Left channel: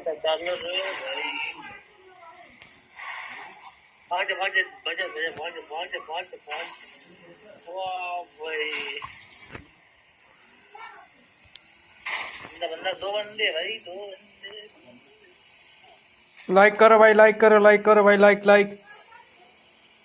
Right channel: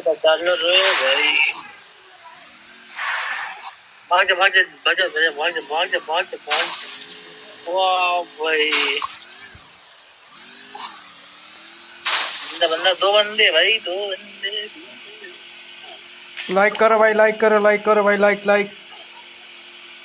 चलो रे भाई, भाग जा भाग जा भाग जा भाग जा भाग जा भाग जा भाग जा भाग जा। वाह भाई, बंदा बंदा, दो बंदे भाई, दो बंदे। लाइक करो भाई, लाइक करो, लाइक करो भाई, लाइक लाइक।